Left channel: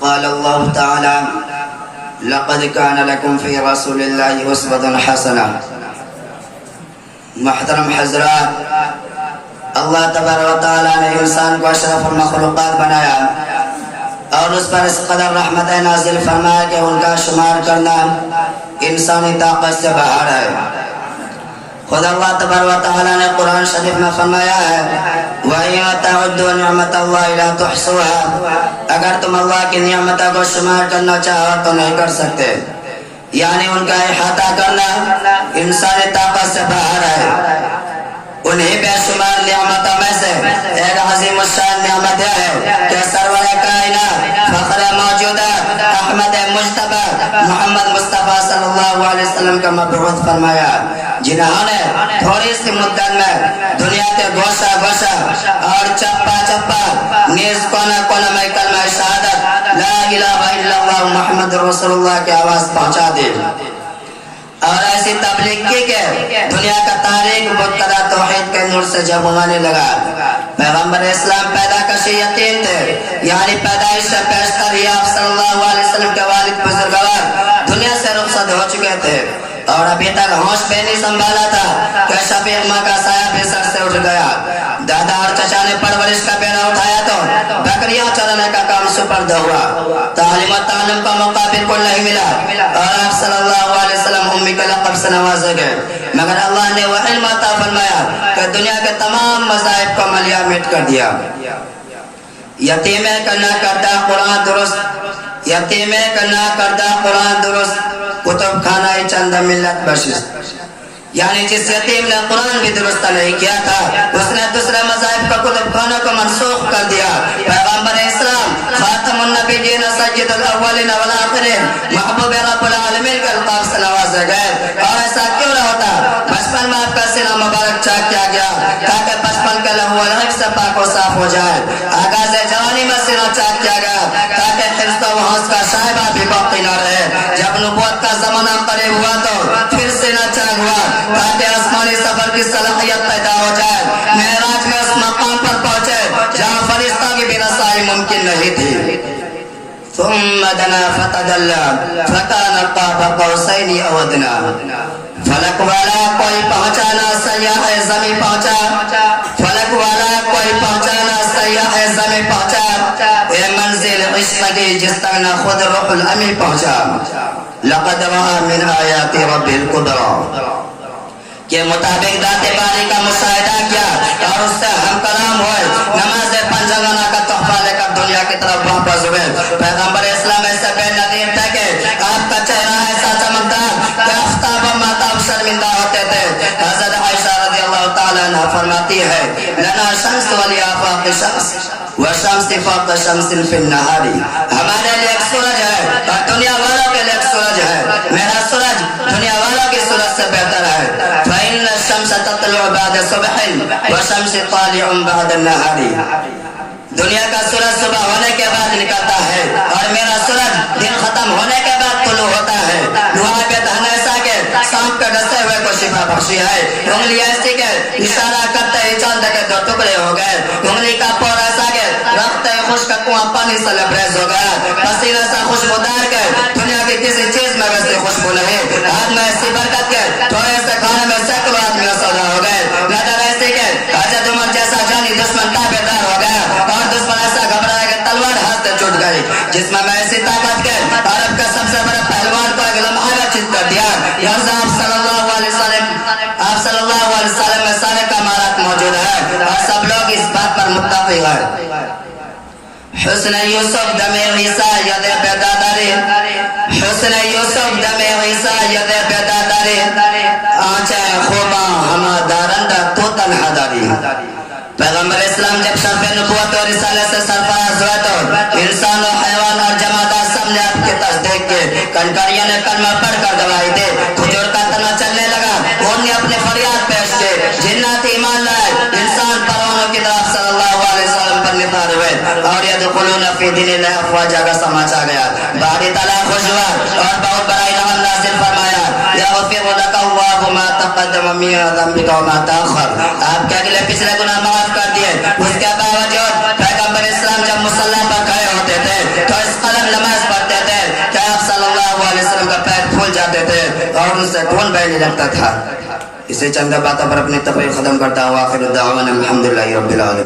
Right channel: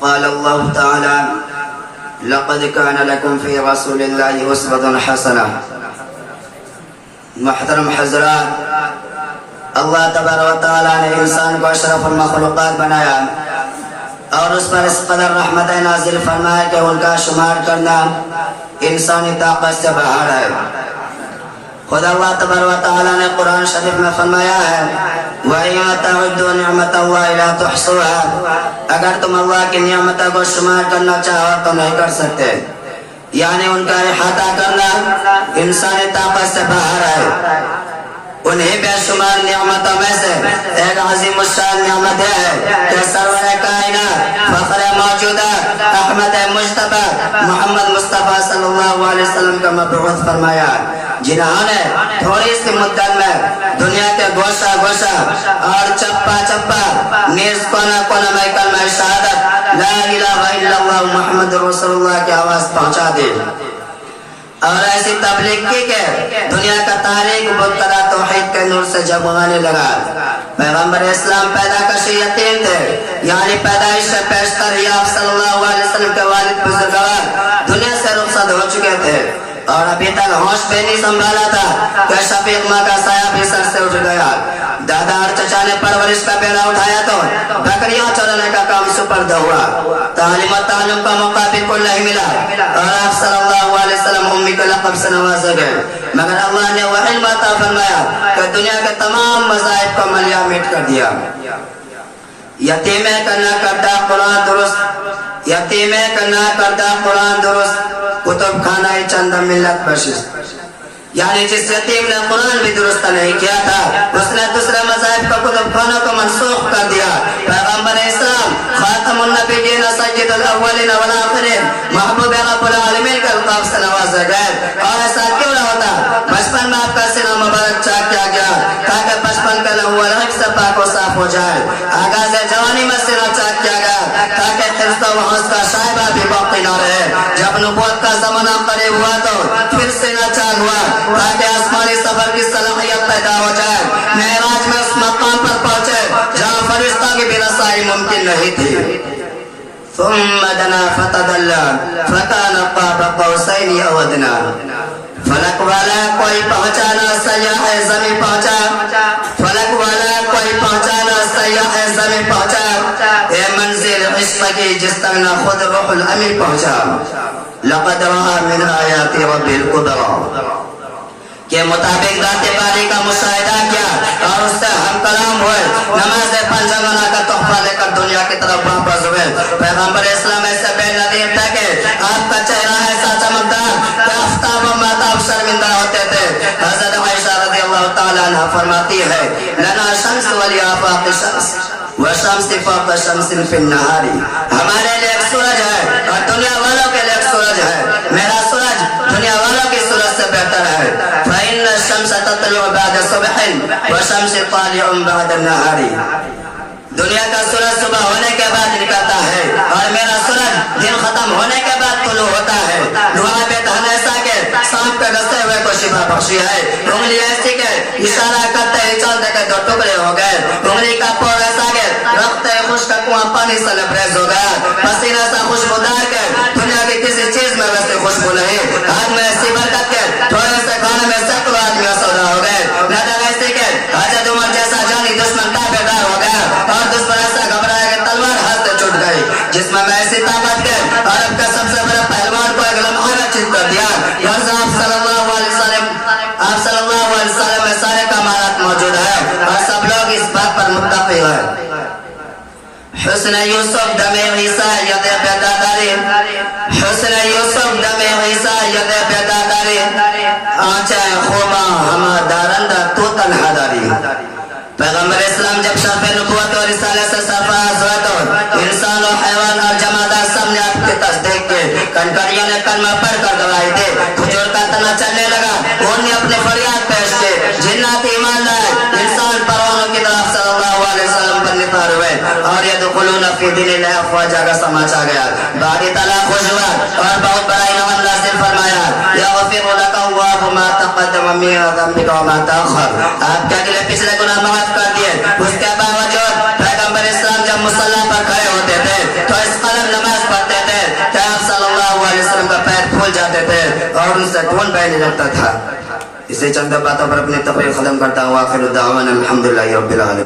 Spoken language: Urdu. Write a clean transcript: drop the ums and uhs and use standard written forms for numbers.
قال الله تعالى لقد كان لكم في رسول الله أسوة حسنة. محترم حضرات, اللہ تبارک و تعالیٰ نے انسان کو اشرف المخلوقات بنایا اور اس پر اس قدر رحمت نازل فرمایا کہ ان کا شمار کرنا انسانی طاقت سے باہر ہے. خود اللہ تبارک و تعالیٰ نے قرآن شریف میں فرمایا ہے وَإِن تَعُدُّوا نِعْمَتَ اللَّهِ لَا تُحْصُوهَا, اگر تم اللہ کی نعمتوں کو شمار کرنا چاہو تو نہیں کر سکتے. یعنی ان کا احاطہ کرنا انسانی طاقت سے باہر ہے. انہیں بے شمار نعمتوں میں سے ایک عظیم الشان نعمت ہے کہ سرور کائنات فخر موجودات احمد مجتبی محمد مصطفیٰ صلی اللہ علیہ وسلم کا مبعوث فرمایا, جنہوں نے تھوڑی سی مدت میں دنیا کے گوشہ گوشہ اور چپا چپا نیز کونا کونا میں کلمہ شہادت لا الہ الا اللہ محمد رسول اللہ کی آواز پہنچا دی اور ایسی تبلیغ کی کہ دنیا کا تاریخ مبتدا توحید کے نور سے جگمگانے لگا. پیغمبر اسلام پیدا کشی یتیم تھے, یعنی پیدائش سے پیشتر ہی آپ صلی اللہ علیہ وسلم کے والد بزرگوار دنیا سے رخصت ہو چکے تھے اور ابھی تک ہوش بھی نہیں سنبھالا تھا کہ شفیق ماں کا سایہ بھی سر سے اٹھ گیا. دادا اور چچا نے پرورش کا بیڑا اٹھایا تو بکریاں چرانے کا کام سپرد ہوا. تعلیم و تعلم کا موقع بالکل نہیں ملا اور آپ صلی اللہ علیہ وسلم امی کے لقب سے نوازے گئے, مگر اللہ نے وہ علم عطا فرمایا کہ دنیا کے تمام مذاہب کو ملیا مٹ کر دیا. یتیمے کا نہ کردہ قرآن درست, یتیمے کا نہ کردہ قرآن درست کتب خانہ چند ملت بخشش, یعنی جس یتیم نے قرآن بھی درست نہیں کیا تھا اس نے دوسرے مذاہب کا کتب خانوں کو منسوخ کر دیا. پیغمبر اسلام خاتم النبیین سید الاولین والآخرین محبوب رب العالمین کے الطاف سے نوازے گئے, اور ایسا کیوں نہ ہوتا. بچپن میں آپ کا سینہ مبارک چاک کیا گیا تاکہ بچپن کے لہو الحق سے پاک و صاف ہو جائے. آغاز جوانی میں سینہ چاک کیا گیا تاکہ حفظ و حفظ کا شائبہ بھی باقی نہ رہے. جب نبوت کا زمانہ قریب ہوا تو پھر سینہ چاک ہوا تاکہ آسمانی سفر کی صلاحیت پیدا ہو جائے. معراج میں اس مقام پر پہنچے جہاں فرشتہ کی بھی رسائی ممکن نہیں تھی. ثم دنا فتدلى فكان قاب قوسين او ادنى. فلک والا کوئی پہنچانا سیاح زمین پہنچا, فلک والا کوئی پہنچانا سیاح زمین پہنچا, اے منزل عشق کی جس تک نہ خود روح الامین پہنچا. لقد رأى من آیات رب القدرہ کے مطابق ذات باری کا مشاہدہ کیا اور اس سے ہم کلام ہوئے. نماز پنجگانہ کا تحفہ لے کر دنیا کی طرف واپس ہوئے. پیغمبر اسلام ایسے بے نظیر تھے کہ آپ کا چہرہ ایسا چمکدار کہ آفتاب و مہتاب شرمندہ ہوتے تھے. حضرت عائشہ رضی اللہ تعالیٰ عنہ فرماتی ہے لنا شمس ولی آفاق شمس وشمس فوق شمس فی النہار, ہمارے لیے ایک سورج ہے اور دنیا والوں کے لیے ایک سورج ہے. میرا سورج دنیا والوں کی سورج سے بہتر ہے. فإن الشمس تطلع بعد صبح والشمس طالع بعد النهار, دنیا کا سورج صبح ہونے کے بعد نکلتا ہے اور میرا سورج دن ختم ہونے کے بعد طلوع ہوتا ہے. دعا پہ دہن ایسا کہ سانپ کے ڈسے ہوئے کو شفا بخشی ہے. انگلی ایسی کہ اشارہ کرتے ہی چاند کے دو ٹکڑے ہو گئے. انگلی کا پور ایسا کہ رخت خشک کنواں پانی سے لبریز ہو گیا. پسینہ سے خوشبودار کے دنیا کی کسی چیز میں ویسی خوشبو نہیں. ہاتھ میں ایسی برکت کے تھوڑے سے کھانے میں سینکڑوں آدمی سودا ہو گئے. نظر ایسی کہ حضرت عمر جیسا جانی دشمن تابعدار ہو گیا اور دشمن ایسا گھبرایا کہ تلوار ہاتھ سے چھوٹ گئی. جسم میں ایسی طاقت کے عرب کا سب سے بڑے پہلوان کو ایک لمحہ میں چیت کر دیا. غرض آپ صلی اللہ علیہ وسلم میں سارے کمالات موجود ہیں اور سب لوگ اس بات پر متفق ہیں. حسن یوسف دم عیسیٰ ید بیداداری, حسن یوسف دم عیسیٰ ید بیداداری, آنچیں خوباں ہما دارندہ تو تنہا داری. پیغمبر اسلام جب شرف نبوت اور رسالے سے سرفراز ہوئے تو انسان و حیوان اور جمادات سب نے آپ کی تصدیق کی. کنکریوں نے کلمہ پڑھ کر گواہی دی. کھجور کا تنا چلنے لگا, انہوں نے اپنے فریاد پیش کی. جنات ایمان لائے, انسان پروانوں کی طرف صلی اللہ علیہ وسلم پر نثار ہوئے اور یدخلون فی دین اللہ افواجا کا سماچ آ گیا. باری تعالیٰ خوش ہوا اور بہت بڑا انعام نازل فرمایا. یغفر لک اللہ ما تقدم من ذنبک وما تأخر, آپ کے اگلے پچھلے گناہ معاف کر دیے. اس کے باوجود پیغمبر اسلام جب مصلی پر کھڑے ہوتے تھے تو اس قدر نماز پڑھتے تھے کہ آپ صلی اللہ علیہ وسلم کا پیر پھول جاتے تھے اور ان سے خون بہنے لگتا تھا. اسے چند باتوں پر اپنی تقریر ختم کرتا ہوں. آخر دعوانا الحمدللہ رب العالمین.